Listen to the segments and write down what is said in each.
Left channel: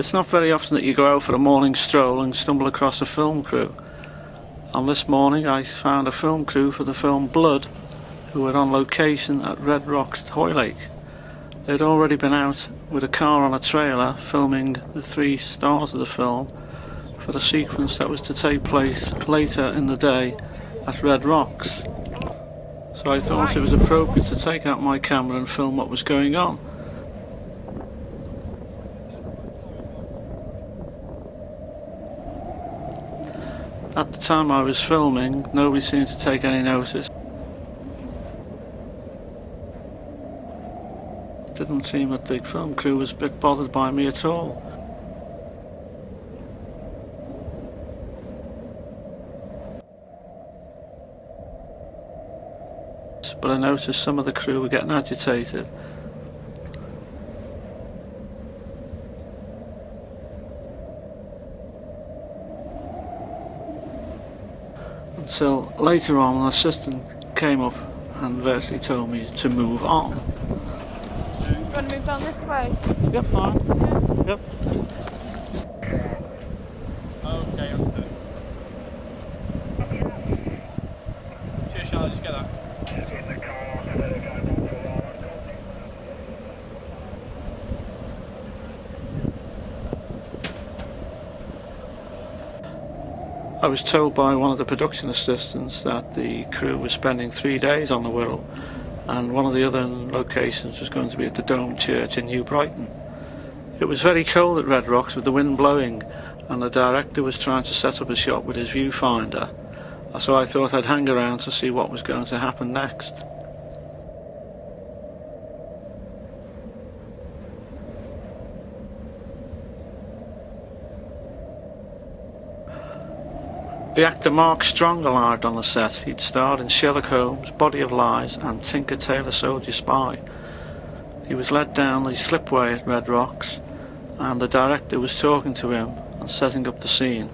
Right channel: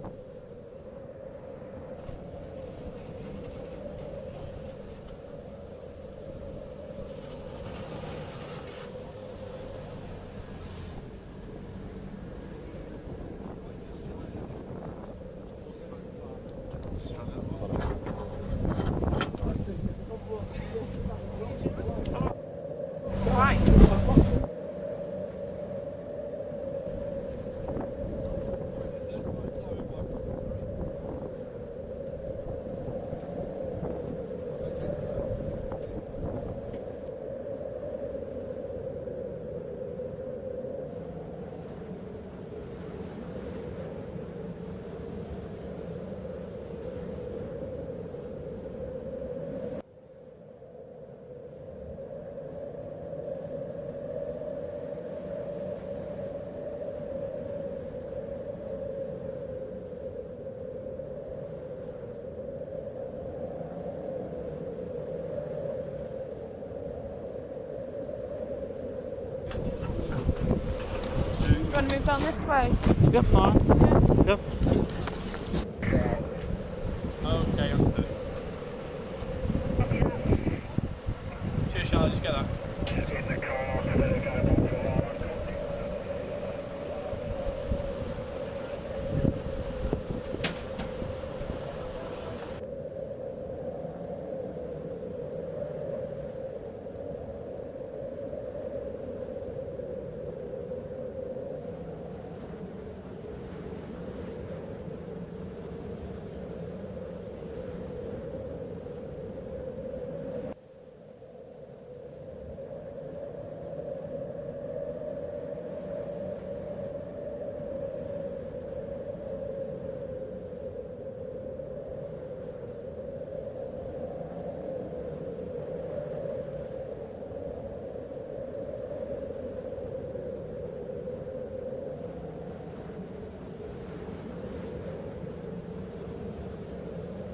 It's not very often that you go out for a morning stroll and stumble across a film crew. And this morning I found a film crew for the film Blood who were on location at Red Rocks, Hoylake. They'd already been out with a car on a trailer filming the 3 stars of the film for the sequence that was to take place later in the day at Red Rocks. So I thought it was appropriate to take out my camera and film what was going on. At the time I was filming, nobody seemed to take any notice. It didn't seem that the film crew was a bit bothered by me at all. But I noticed some of the crew were getting agitated. Until later on an assistant came up and virtually told me to move on. Do you want to move down this way? Yep, fine. Yeah. Yep. Okay, understood. Cheers, Charlie, just get that. I was told by one of the production assistants that the crew was spending 3 days on the Wirral, and one of the other locations was going to be at the Dome Church in New Brighton. It was very cold at Red Rocks with the wind blowing, and the director was trying to set up a shot with his viewfinder, so I thought I'd hang around to see what was going to happen next. The actor Mark Strong arrived on the set. He'd starred in Sherlock Holmes, Body of Lies and Tinker Tailor Soldier Spy. He was led down the slipway at Red Rocks and the director was talking to him and setting up the scene.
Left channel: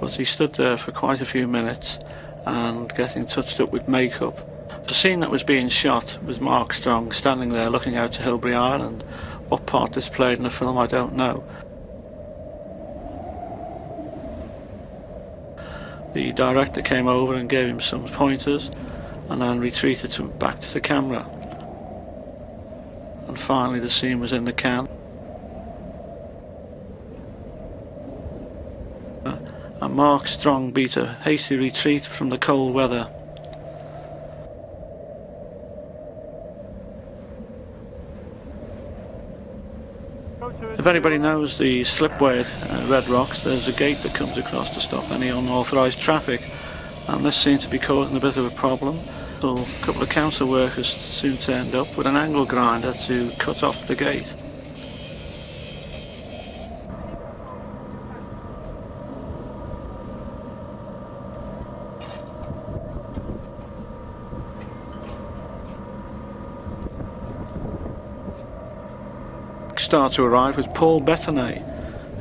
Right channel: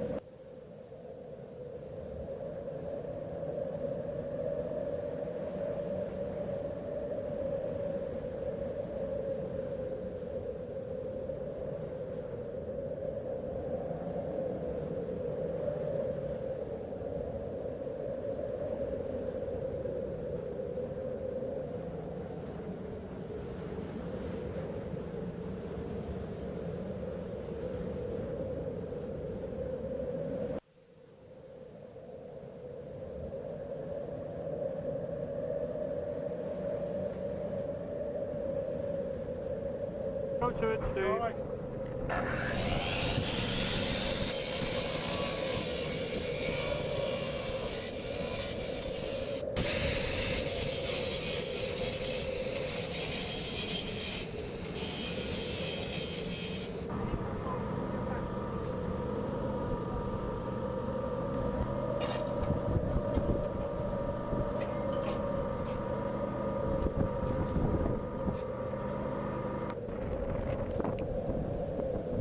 But he stood there for quite a few minutes and getting touched up with makeup. The scene that was being shot was Mark Strong standing there looking out to Hilbury Island. What part this played in the film I don't know. The director came over and gave him some pointers and then retreated back to the camera. And finally the scene was in the can. And Mark Strong beat a hasty retreat from the cold weather. If anybody knows the slipway at Red Rocks, there's a gate that comes across to stop any unauthorised traffic, and this seemed to be causing a bit of a problem. So a couple of council workers soon turned up with an angle grinder to cut off the gate. Star to arrive was Paul Bettany,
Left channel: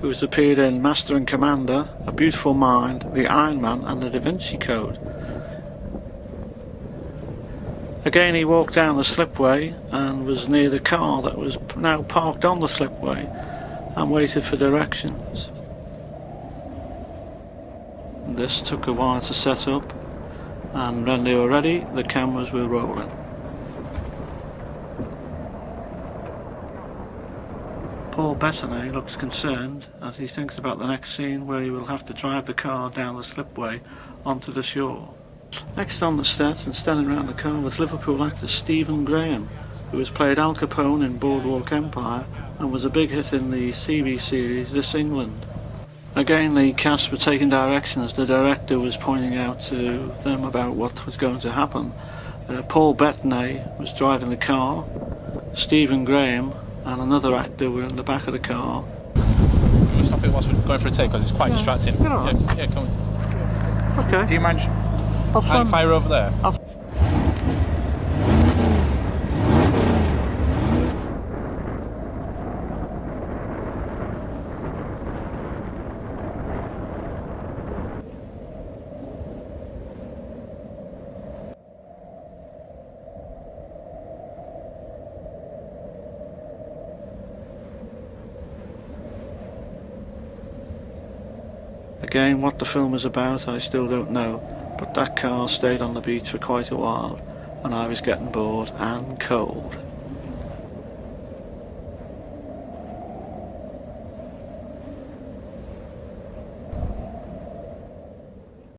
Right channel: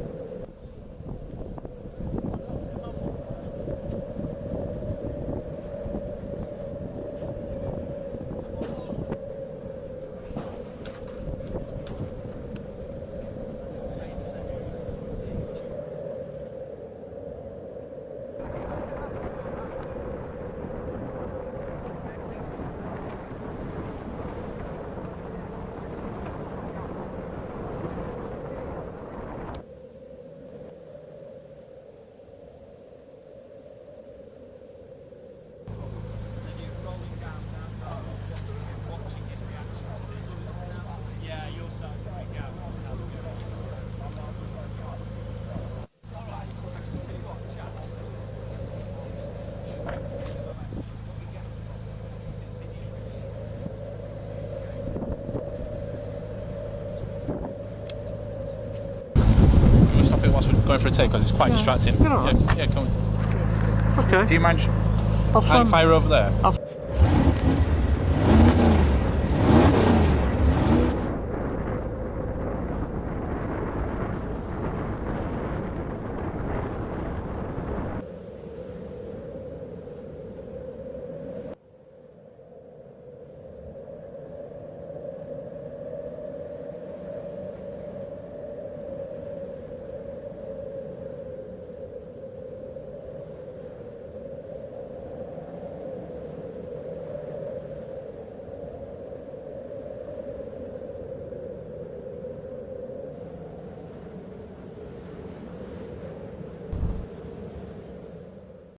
who has appeared in Master and Commander, A Beautiful Mind, The Iron Man and The Da Vinci Code. Again he walked down the slipway and was near the car that was now parked on the slipway and waited for directions. This took a while to set up, and when they were ready the cameras were rolling. Paul Bettany looks concerned as he thinks about the next scene where he will have to drive the car down the slipway onto the shore. Next on the set and standing around the car was Liverpool actor Stephen Graham, who has played Al Capone in Boardwalk Empire and was a big hit in the TV series This England. Again the cast were taking directions. The director was pointing out to them about what was going to happen. Paul Bettany was driving the car, Stephen Graham and another actor were in the back of the car. We'll stop it whilst we're going for a take because it's quite distracting. Yeah, come on. Okay. Do you mind hang fire over there? Again, what the film is about I still don't know, but that car stayed on the beach for quite a while and I was getting bored and cold.